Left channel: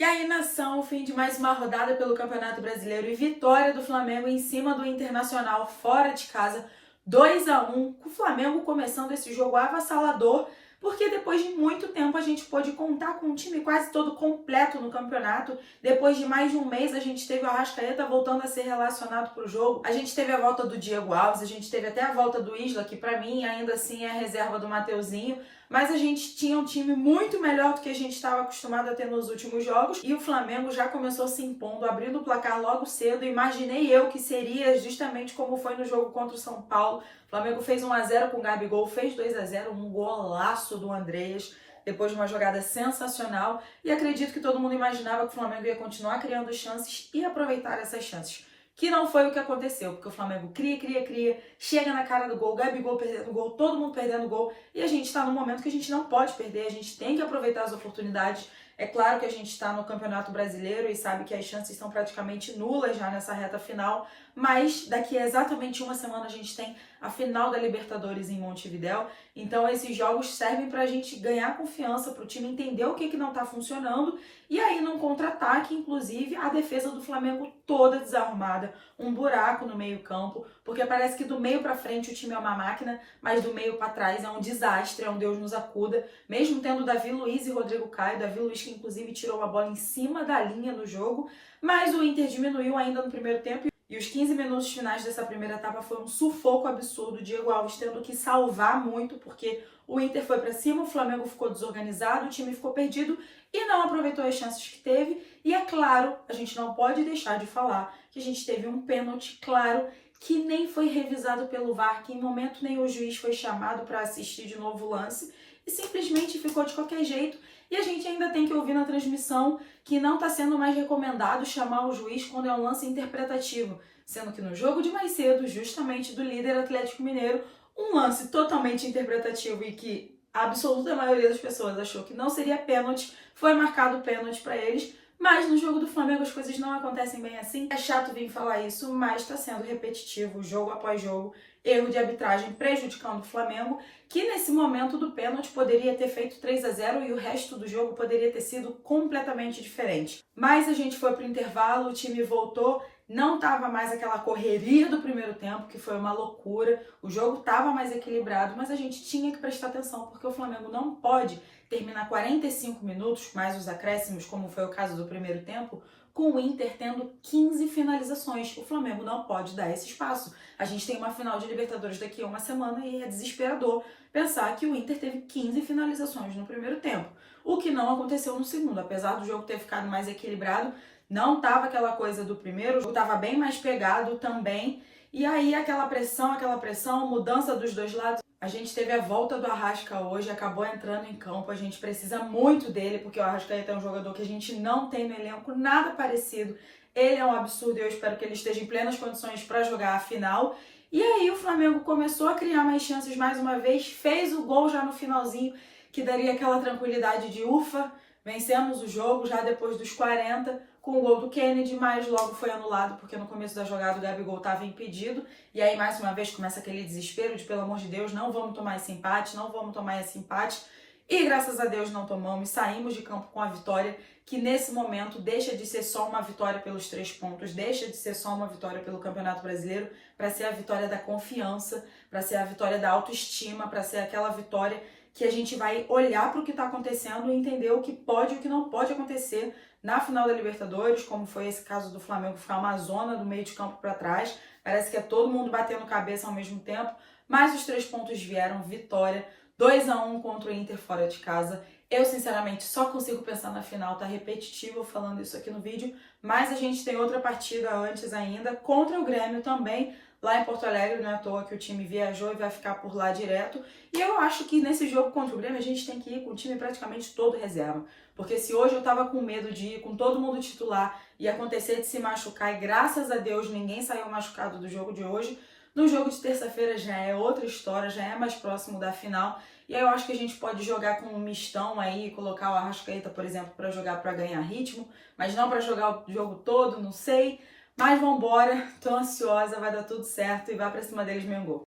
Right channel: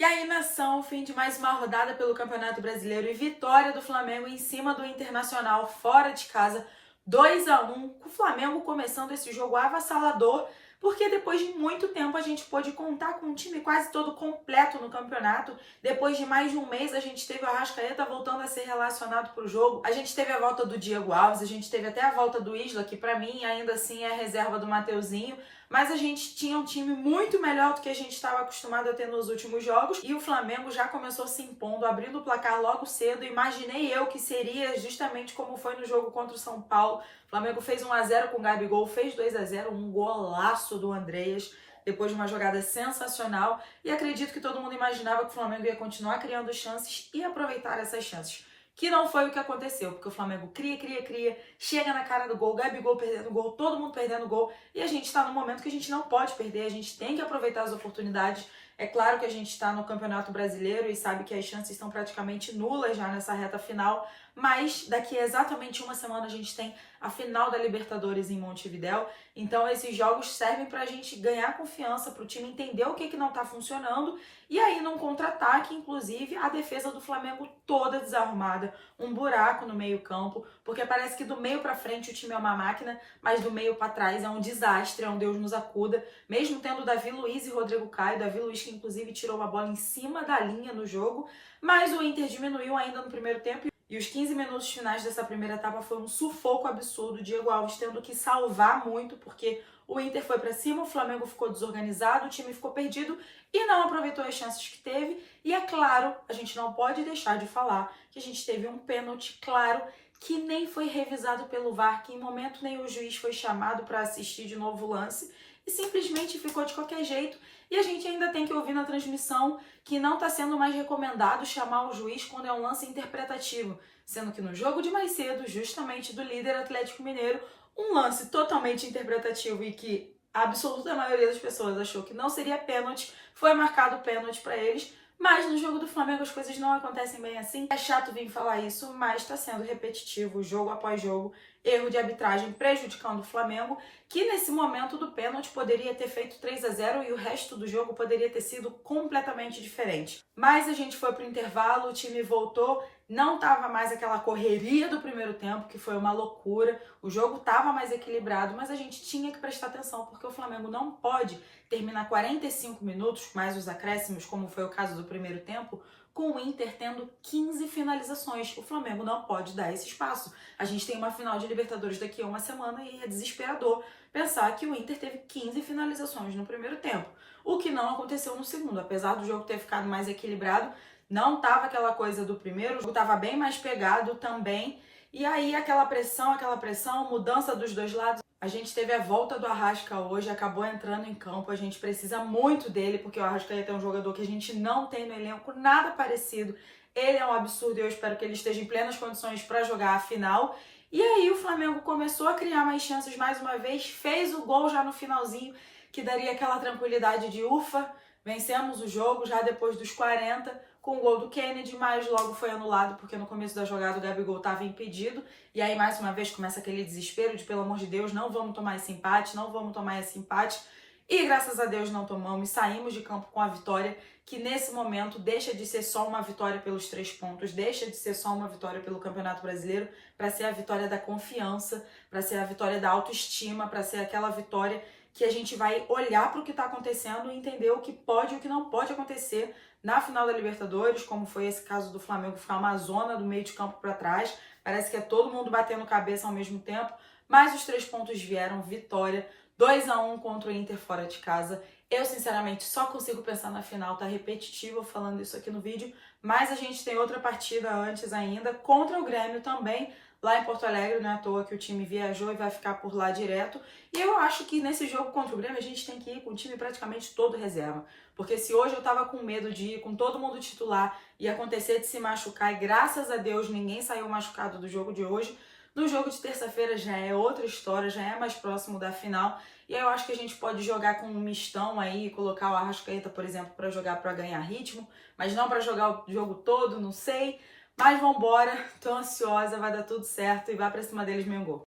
E aí, nação, fim de mais uma rodada pelo Campeonato Brasileiro e vitória do Flamengo em cima do Internacional fora de casa, 2-1, com o Flamengo começando esse jogo avassalador, porque depois de muito tempo a gente pôde contar com um time quase todo completo no campeonato. Depois de mais de um mês a gente teve o Arrascaeta voltando a ser relacionado para o jogo, a gente teve a volta do Diego Alves, a gente teve até a volta do Isla, que para mim ainda assim é a reserva do Mateuzinho, mas a gente tinha um time muito melhor do que a gente estava acostumado a ter nos últimos jogos, e o Flamengo já começou se impondo, abrindo o placar logo cedo. Imaginei eu que seria justamente como foi no jogo contra o São Paulo. O Flamengo fez 1-0 com o Gabigol, fez 2-0, um golaço do Andreas, depois de uma jogada sensacional, e acredito que todo mundo imaginava que o Flamengo ia continuar criando chances e aproveitar essas chances. Que não foi o que aconteceu, porque o Flamengo cria, chega na cara do gol, Gabigol perdendo gol, todo mundo perdendo gol, e a gente está num momento que a gente não pode perder, a gente tem que aproveitar as oportunidades. É claro que a gente está no Campeonato Brasileiro e sabe que as chances são praticamente nulas já nessa reta final, mas daqui a exatamente uma semana a gente tem a final da Libertadores em Montevidéu, então esses jogos servem para a gente ganhar confiança, para o time entender o que não está funcionando, e aí num contra-ataque, inclusive, a defesa do Flamengo toda desarrumada, um buraco no meio-campo, porque parece que do meio para frente o time é uma máquina, mas do meio para trás é um desastre, é um Deus nos acuda. Mesmo tendo Davi Luiz e Rodrigo Caio, Davi Luiz que inclusive tirou a bola em cima da linha no jogo, mas o Inter diminuiu ainda no primeiro tempo, e os 15 minutos finais dessa primeira etapa foi um sufoco absurdo, Diego Alves tendo que salvar muito, porque o Inter foi para cima, o Flamengo ficou desorganizado, o time ficou perdido e não aproveitou as chances que teve. E é claro, a gente não pode deixar de falar que a gente teve um pênalti claro que nem foi revisado pelo VAR, que em momento nenhum o juiz foi chamado para assistir de novo o lance e simplesmente ficou de qualquer jeito. E a gente ainda tem que ouvir na transmissão que não está sendo mais recomendado chamar o juiz quando é um lance interpretativo, sendo que no jogo de mais cedo, justamente do líder Atlético Mineiro, um lance totalmente interpretativo e que a absoluta maioria das pessoas achou que não seria pênalti, foi marcado pênalti para eles. Mas no jogo do Flamengo as coisas não acontecem bem assim. É chato vir falar isso, mas está sendo repetitivo, jogo após jogo, erro de arbitragem prejudicando o Flamengo, que nesse momento do pênalti poderia ter feito 3-0 e o resto do jogo poderia ter sido completamente diferente. Mas a gente foi para o intervalo, o time voltou, não estava mais aquela correria do primeiro tempo, que foi uma loucura, o jogo estava mais equilibrado, mas a gente tinha que prestar atenção, porque o Flamengo não pode terminar 45 minutos, mais os acréscimos, como foi o caso do primeiro tempo, com o Inter tendo 15 finalizações. O Flamengo não pode dar esse espaço. A gente tem uma final de Libertadores daqui a uma semana e é desesperador pensar que o Inter teve 15 finalizações no primeiro tempo, o que não aconteceu no segundo. Apesar do jogo ter ficado mais equilibrado, não estava aquela coisa do primeiro, o jogo estava bem mais pegado também. E aí aquela pressão, mudança dos dois lados. A gente teve a volta do Arrasca hoje, acabou entrando em campo, a gente precisa muito dele, porque o Arrascaeta é um jogador que a gente não tem no elenco, nada parecido. Ele é um absurdo e eu espero que ele esteja em plenas condições para jogar a final. E aí o Flamengo começou a criar mais chances mais uma vez, fez o gol já no finalzinho, que daria aquela tranquilidade de ufa, vencemos o jogo já depois dos 40, com o gol do Kennedy, mas logo foi anulado, porque no começo da jogada o Gabigol estava impedido, e aí mais uma vez começa aquele desespero de, pelo amor de Deus, não vamos tomar esse empate, e graças a Deus não tomamos, saímos de campo com a vitória, que nesse momento deixa de ser só uma vitória pelos 3 pontos, deixa de ser só uma vitória pelo Campeonato Brasileiro, para ser a vitória da confiança, para ser a vitória da autoestima, para ser aquela vitória que a gente vai olhar para o que está acontecendo e entender o que pode e o que não pode acontecer na final da Libertadores, como foi esse caso do Flamengo ficar uma zona do meio de campo para trás. Parece que é todo mundo batendo cabeça ao mesmo tempo, mas os 3 pontos vieram, vitória, 2-1 contra o Inter fora de casa. Eu, sinceramente, só consigo pensar na final, tá repetitivo falando isso aqui no vídeo, mas a gente tem outra partida antes ainda, contra o Grêmio também, lá em Porto Alegre, não é à toa que o time viajou e vai ficar por lá direto. E eu acho que nesse jogo contra o Grêmio a gente tem que ir com o time praticamente todo reserva. Porque se hoje eu tava com medo de ir com todo mundo titular e acontecer de se machucar, e graças a Deus ninguém saiu machucado do jogo de hoje, no jogo de terça-feira já é outra história, já é mais próximo da final. E aí eu acho que a gente pode jogar com um mistão aí, colocar o Arrascaeta, por exemplo, para jogar para ganhar ritmo, mas não para jogar o jogo todo, não sei. Mas vambora, tô ansiosa, vai dar tudo certo e vai pra cima deles, Mengão.